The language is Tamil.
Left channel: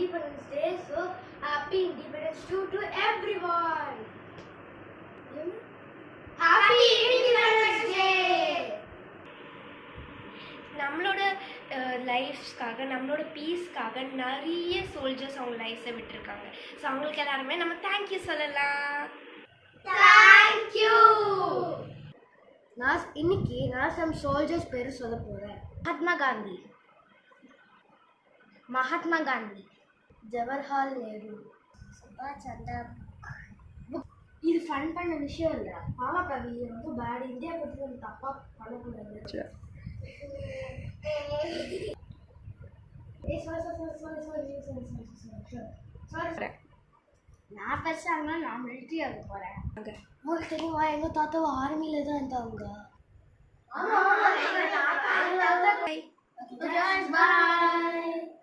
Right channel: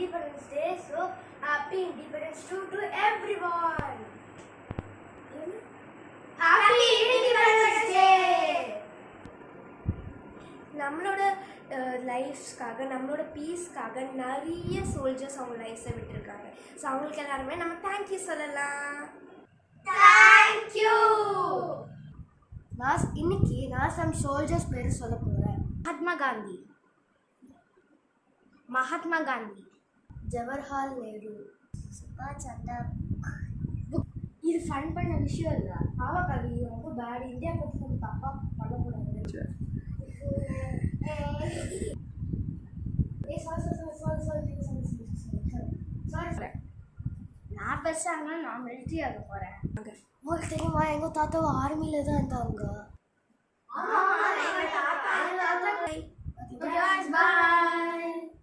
Independence Day. So happy Independence to everyone. Happy Independence Day. நம்மளோட லைஃப்ஸ்க்காக நம்மளோட பீஸ்க்காக நிறைய சோல்ஜர்ஸ் அவங்க லைஃப்ஸை விட்டுருக்காங்க. ஸோ அவங்களுக்கு எல்லாருமே நம்ம தேங்க்யூ சொல்லலாம். தேங்க்யூ. இன்னைக்கு நான் சம் சோல்ஜர்ஸ் பேர் சொல்ல போகிறேன். மகாத்மா காந்தி, ஜவஹர்லால் நேரு, சுபாஷ் சந்திர. இது ஃபன் பண்ண விஷயம் இல்லை. ஆமாக்கா, இது வந்து பேட். இந்தியா பற்றி நம்ம தப்பாக பண்ணக்கூடாது. நான் பேசுறாங்க, நான் மிலிட்ரி ஆக போறேன். உங்களுக்கு தெரியுமா, எங்க தாத்தா ஆர்மியில தான் இருந்தாங்க. Bye.